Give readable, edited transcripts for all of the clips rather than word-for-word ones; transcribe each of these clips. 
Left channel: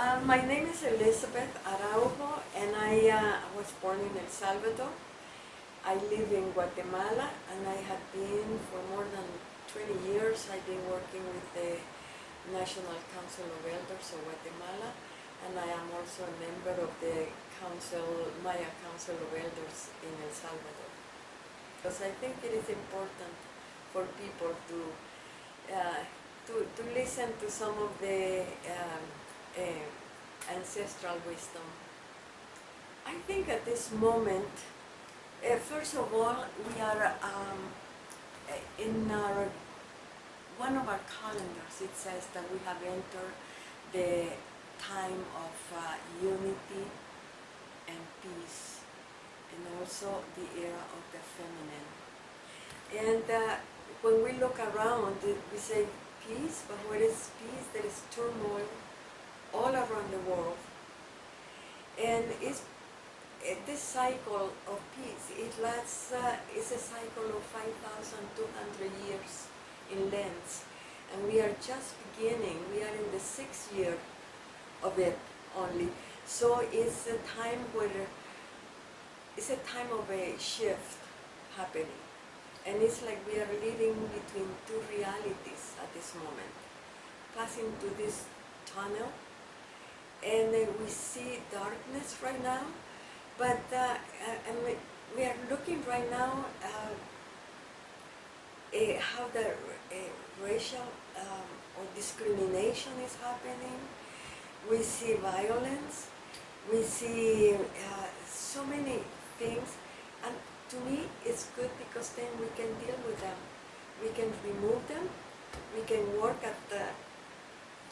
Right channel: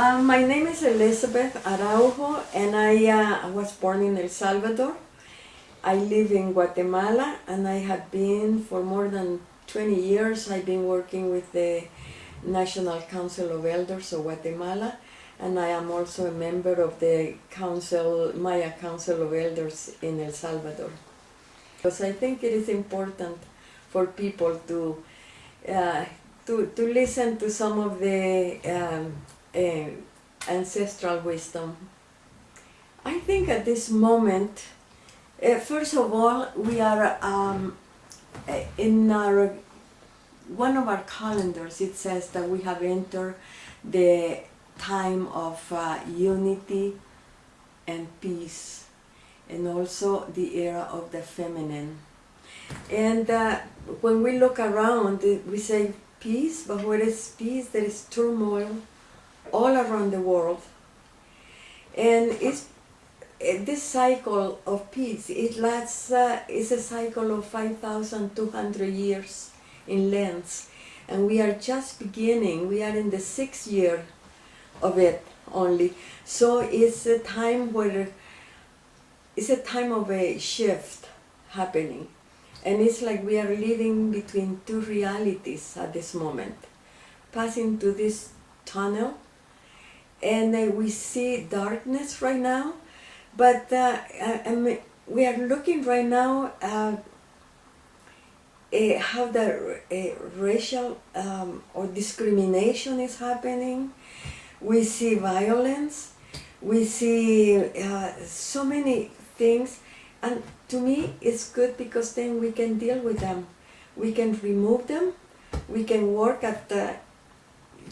My name is Elizabeth Araujo, and I was born in El Salvador. I live in Guatemala, and I have been for more than 20 years. I've been working with the National Council of Elders of Guatemala, and I am also a member of the Maya Council of Elders in El Salvador. Because I think it is important for people uh, to listen to some of the ancestral wisdom. I think at this moment, first of all, we are in one of our calendars. It says that we have entered the time of unity and peace, and also the era of the feminine. And when we look around, we say peace, but where is peace? There is turmoil all around the world. And this cycle of peace, it lasts, it's a cycle of 5,200 years in length. And we are just beginning, we are in the 6th year of it only. So it's a time where, it's a time of a shift happening. And it's like we are living between two realities at this moment, passing through this tunnel, and we see darkness right now, but we are looking right now how the racial or discrimination is happening. We see violence, we see so many things, and to me it's good because then we can deal with them. We can remove them, we can work at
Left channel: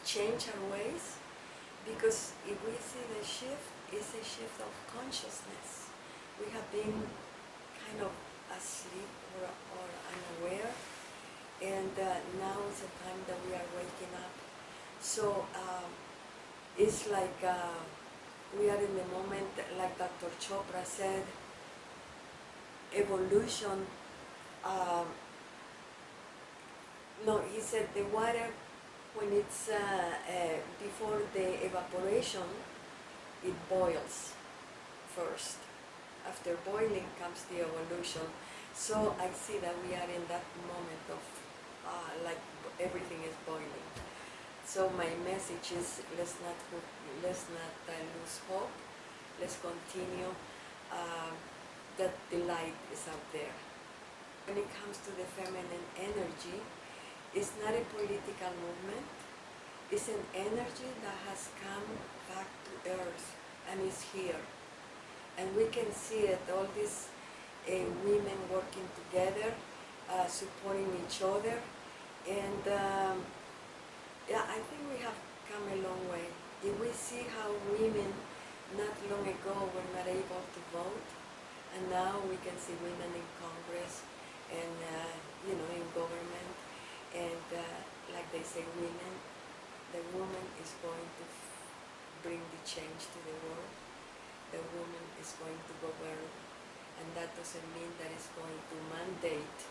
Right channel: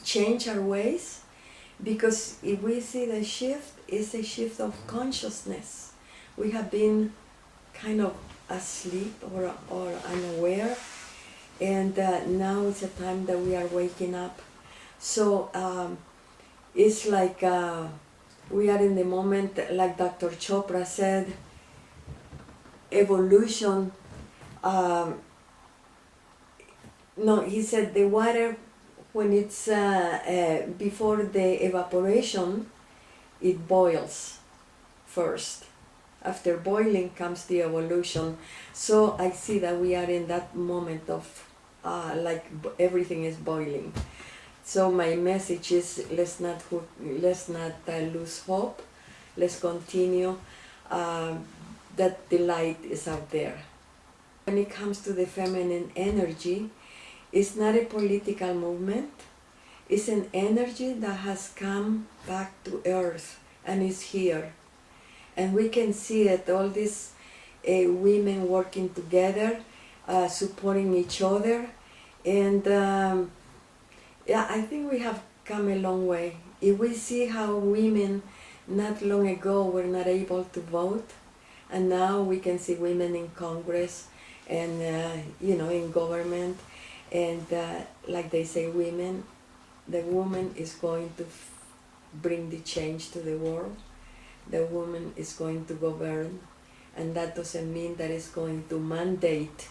change our ways, because if we see the shift, it's a shift of consciousness. We have been kind of asleep or unaware, and now it's a time that we are waking up. So it's like we are in the moment, like Dr. Chopra said, evolution. No, he said the water, when it's before the evaporation, it boils first. After boiling comes the evolution. So I see that we are in that moment of like everything is boiling. So my message is, let's not lose hope. Let's continue. That the light is out there. When it comes to the feminine energy, it's not a political movement. It's an energy that has come back to earth and is here. And we can see it, all these women working together, supporting each other. And yeah, I think we have come a long way. If we see how women not long ago were not able to vote, and now we can see women in Congress and in government, and like they say, the woman is going to bring the change to the world. The woman is going to govern, and that doesn't mean that it's going to mandate.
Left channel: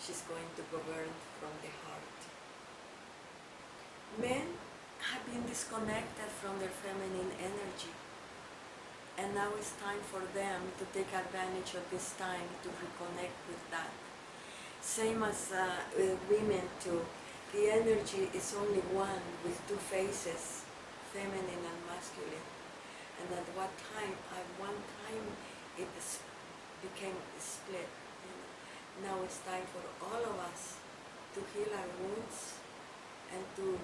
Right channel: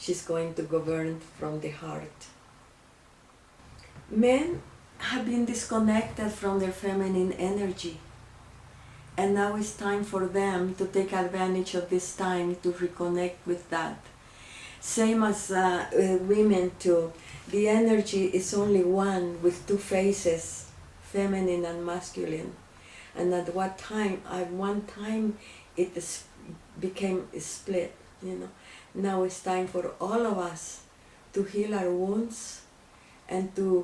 She's going to govern from the heart. Men have been disconnected from their feminine energy, and now it's time for them to take advantage of this time to reconnect with that. Same as women too. The energy is only one with two faces, feminine and masculine. And at one time it became split. Now it's time for all of us to heal our wounds and to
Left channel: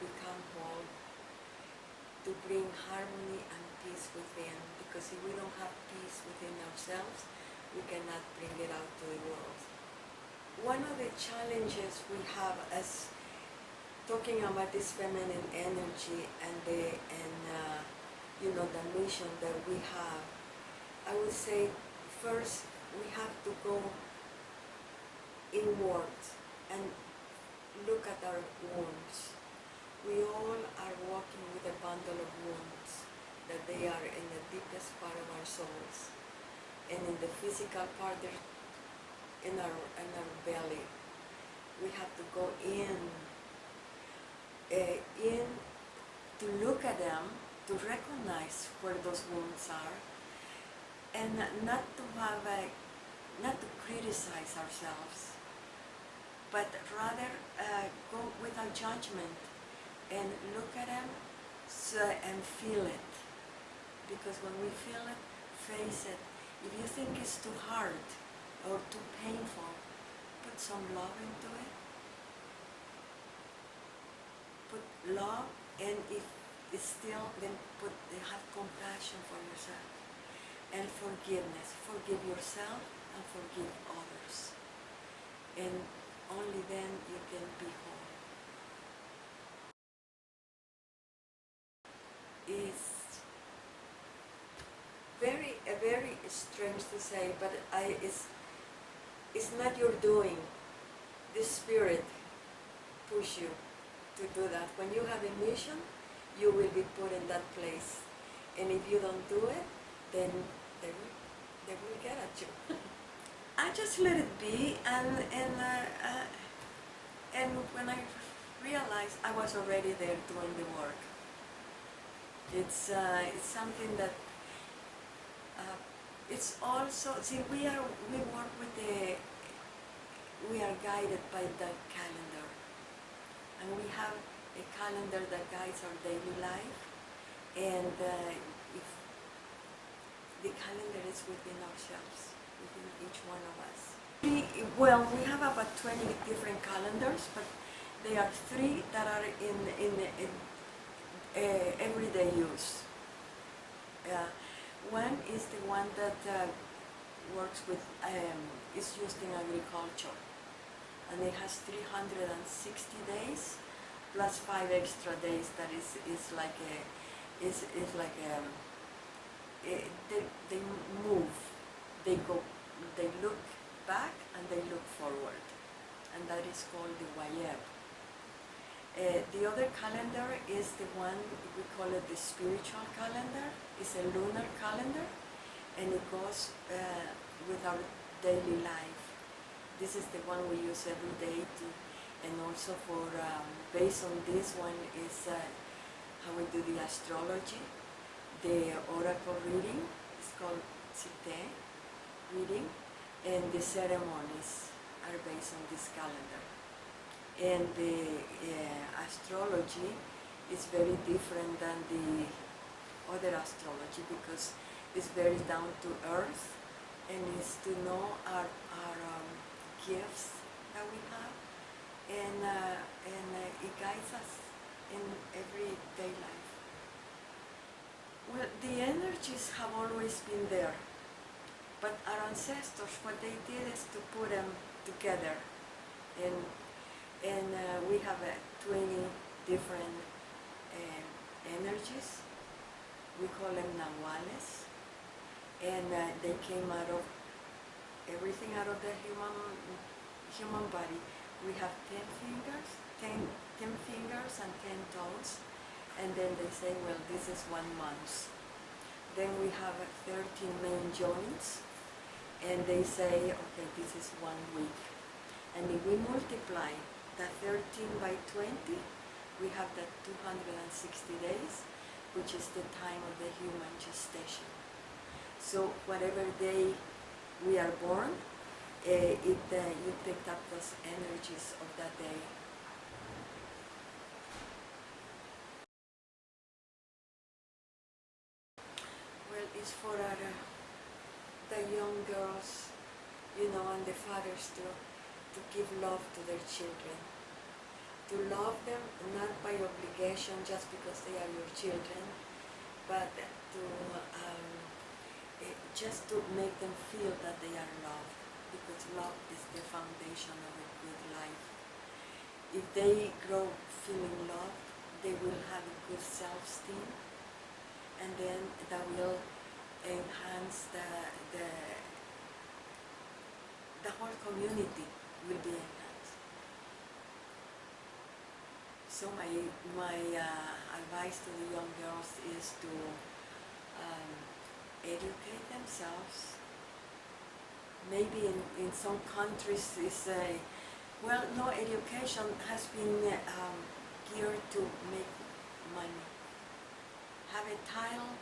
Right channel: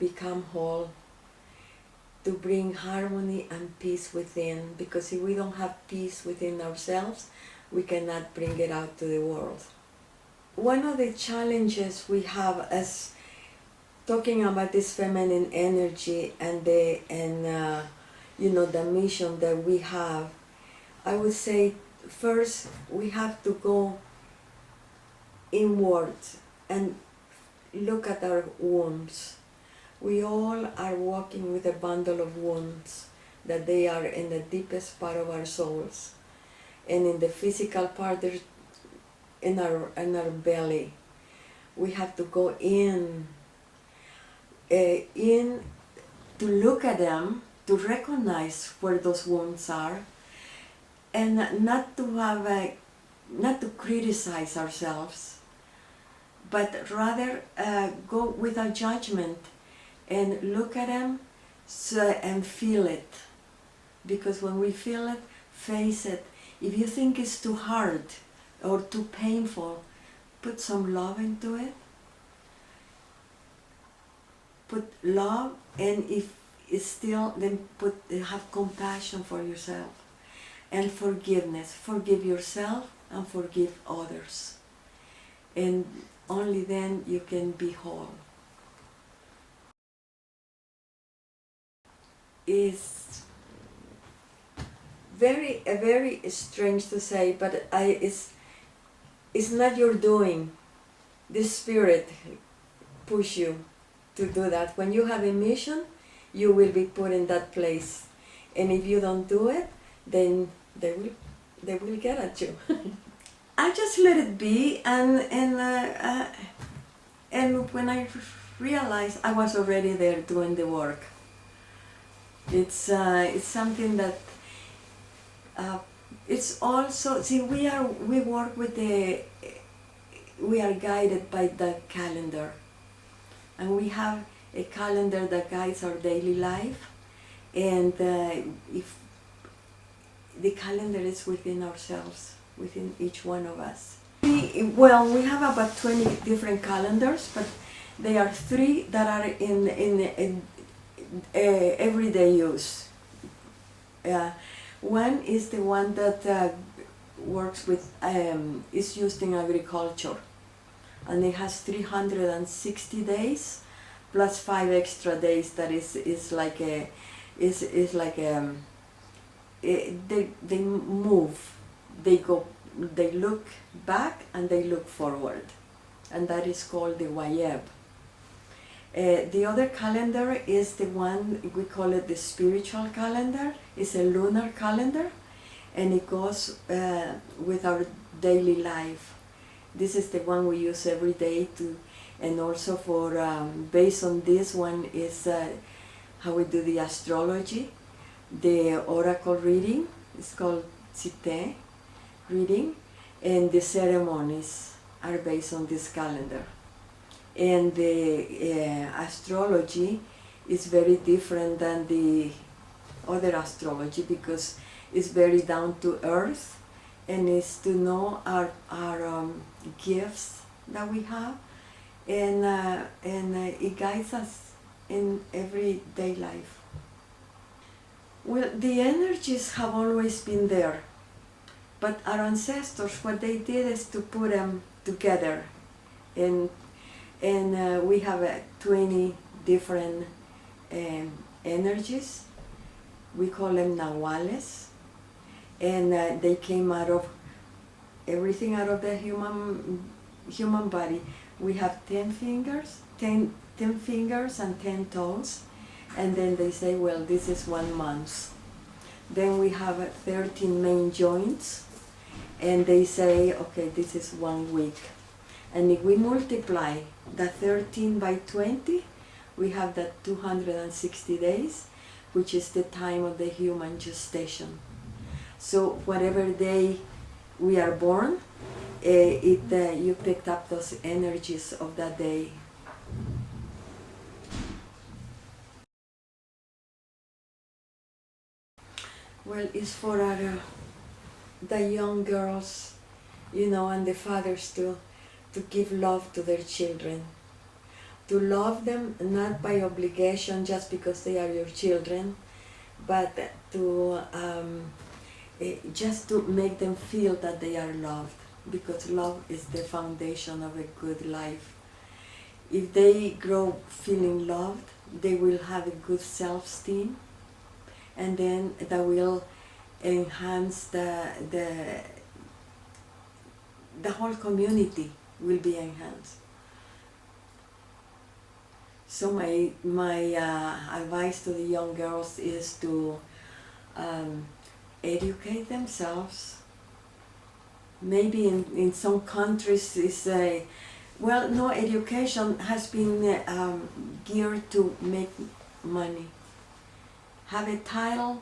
become whole, to bring harmony and peace within. Because if we don't have peace within ourselves, we cannot bring it out to the world. One of the challenges we have as talking about this feminine energy and the mission that we have, I would say first we have to go inward and look at our wounds. We all are walking with a bundle of wounds, that they are in the deepest part of our souls, and in the physical part, they're in our belly. We have to go in to look at them, to recognize where those wounds are, and not to have not to criticize ourselves, but rather go without judgment and look at them and feel it. Because when we feel it, face it. If you think it's too hard or too painful, put some love into it. Put love, and if it's still, then have compassion for yourself and forgiveness. Forgive yourself and forgive others, and only then you can be whole. It's very strange to say, but it's not your doing. The Spirit push you to do that. When you have a mission, you will be put in that place, and if you don't do it, then they will get at you. I just let it be, and when I realized, I was already there doing the work. It's something that it's also, see, we work with we are guided by the calendar, and we have a calendar that guides our daily life, and if the calendar is within ourselves, within each one of us. We have about 20 different calendars, but there are 3 that are in everyday use. One is the one that works with, is used in agriculture, and it has 360 days plus 5 extra days. That is like they move, they look back and they look forward, and that is called the Wayeb. The other calendar is the one, we call it the spiritual calendar. It's a lunar calendar, and it goes with our daily life. This is the one we use every day and also for, based on this one is how we do the astrology, the oracle reading, it's called Site reading, and the ceremonies are based on this calendar. And the astrology is very different than the other astrology because it's very down to earth, and it's to know our gifts that we have, and it guides us in everyday life. Well, the energies have always been there, but our ancestors, what they did is to put them together, and we have 20 different energies. We call them nahuales, and they came out of everything out of the human body. We have 10 fingers, 10 fingers and 10 toes, and then they say, well, this is 1 month. Then we have 13 main joints, and they say, okay, this is 1 week. And if we multiply the 13 by 20, we have that 260 days, which is the time of the human gestation. So whatever day we are born, you picked up those energies of that day. Well, it's for the young girls, and the fathers to give love to their children, to love them not by obligation just because they are your children, but to just to make them feel that they are loved, because love is the foundation of a good life. If they grow feeling loved, they will have a good self-esteem, and then that will enhance the whole community will be enhanced. So my advice to the young girls is to educate themselves. Maybe in some countries no education has been geared to make money. have a title,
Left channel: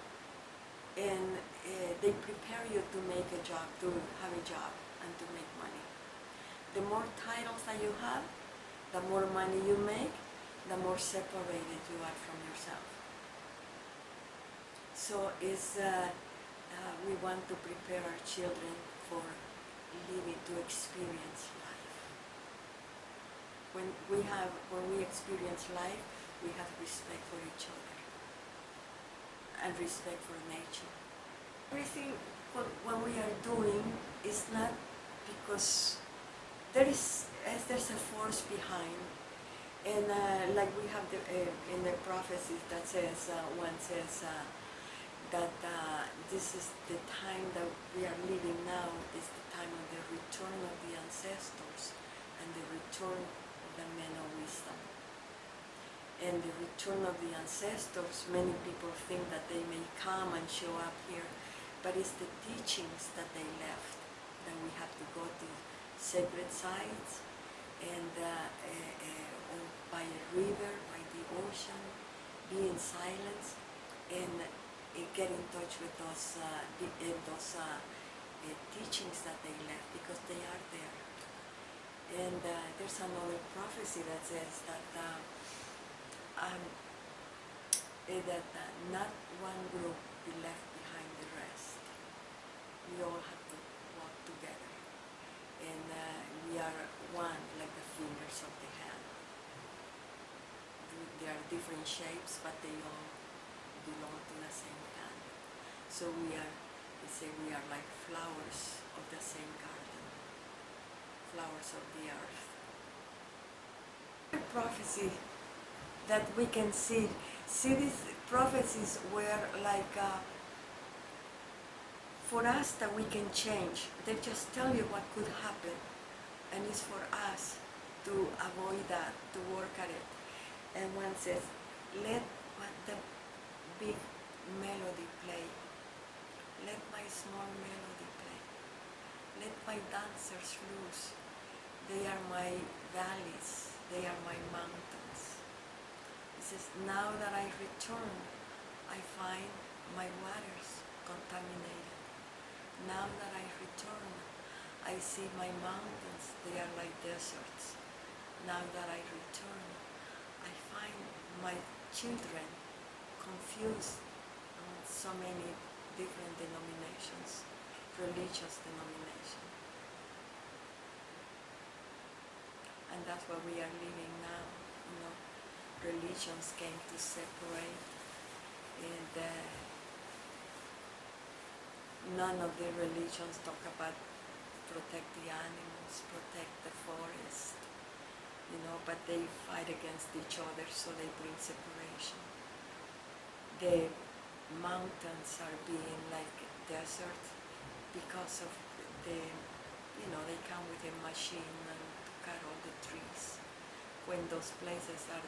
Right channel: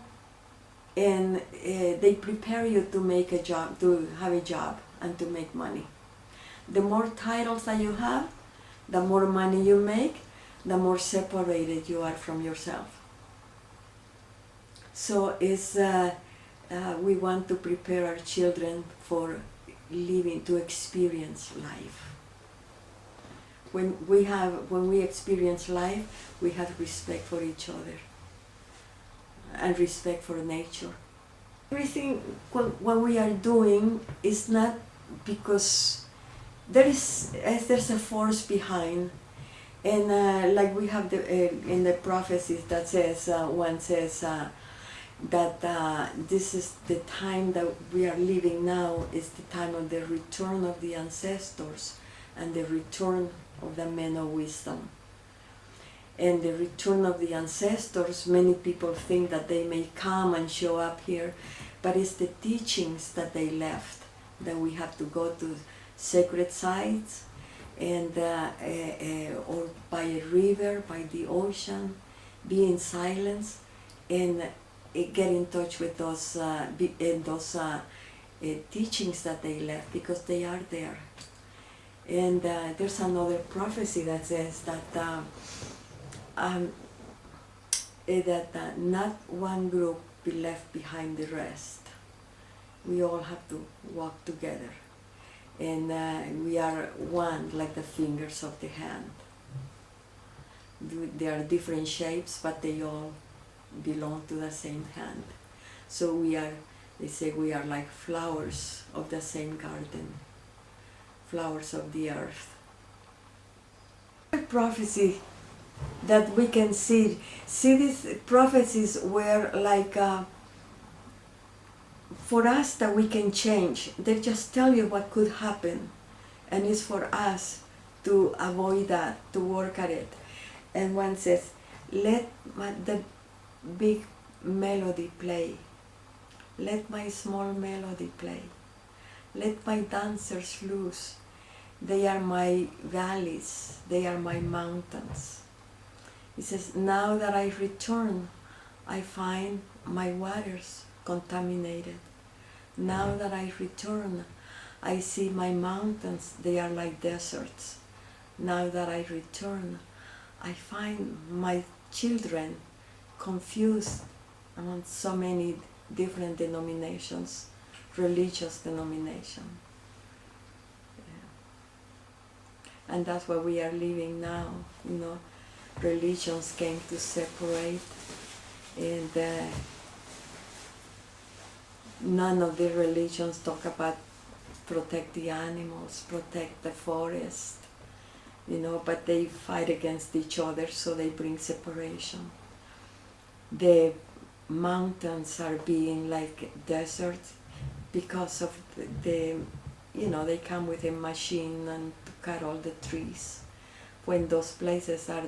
and they prepare you to make a job, to have a job and to make money. The more titles that you have, the more money you make, the more separated you are from yourself. So we want to prepare our children for living, to experience life. When we experience life, we have respect for each other and respect for nature. Everything what we are doing is not because there's a force behind, and like we have in the prophecies that says, one says that this is the time that we are living now, is the time of the return of the ancestors and the return of the men of wisdom. And the return of the ancestors, many people think that they may come and show up here, but it's the teachings that they left, that we have to go to sacred sites and or by a river, by the ocean, be in silence and get in touch with those teachings that they left, because they are there. And there's another prophecy that says that not one group be left behind the rest. We all have to walk together, and we are one, like the fingers of the hand. They are different shapes, but they all belong to the same hand. So they say we are like flowers of the same garden, flowers of the earth. A prophecy that we can see these prophecies were like for us, that we can change. They just tell you what could happen, and it's for us to avoid that, to work at it. And one says, let the big melody play, let my small melody play, let my dancers loose. They are my valleys, they are my mountains. He says, now that I return, I find my waters contaminated. Now that I return, I see my mountains, they are like deserts. Now that I return, I find my children confused among so many different denominations, religious denominations. And that's what we are living now, you know. Religions came to separate, and none of the religions talk about protect the animals, protect the forest, you know, but they fight against each other, so they bring separation. The mountains are being like deserts because of the you know, they come with a machine and to cut all the trees, when those places are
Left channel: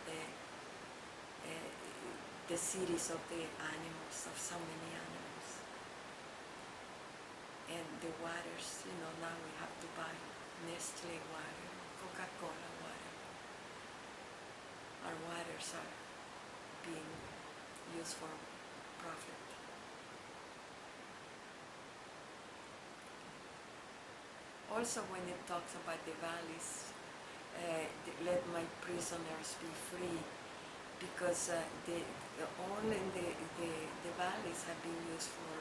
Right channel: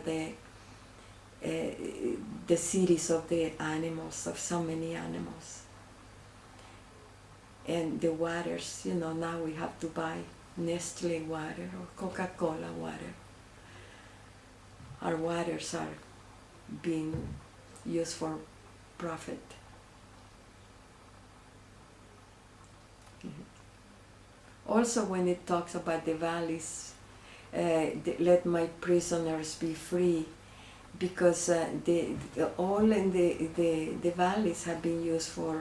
the cities of the animals, of so many animals. And the waters, you know, now we have to buy Nestle water or Coca-Cola water. Our waters are being used for profit. Also, when it talks about the valleys, let my prisoners be free, because all in the valleys have been used for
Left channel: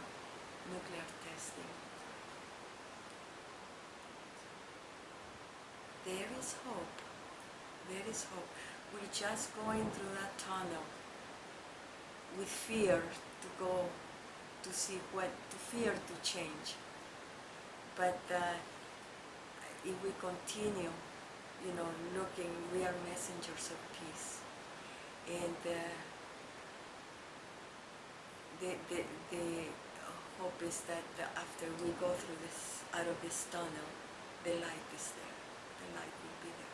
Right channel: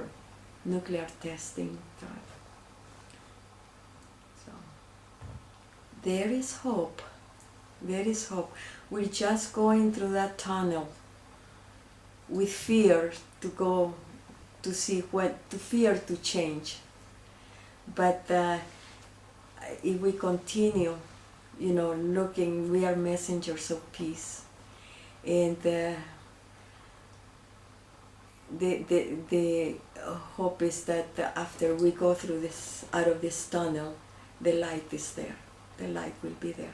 nuclear testing. So there is hope. There is hope. We're just going through that tunnel with fear to go to see to fear to change. But if we continue, you know, looking, we are messengers of peace. And the hope is that after we go through this, out of this tunnel, the light is there. The light will be there.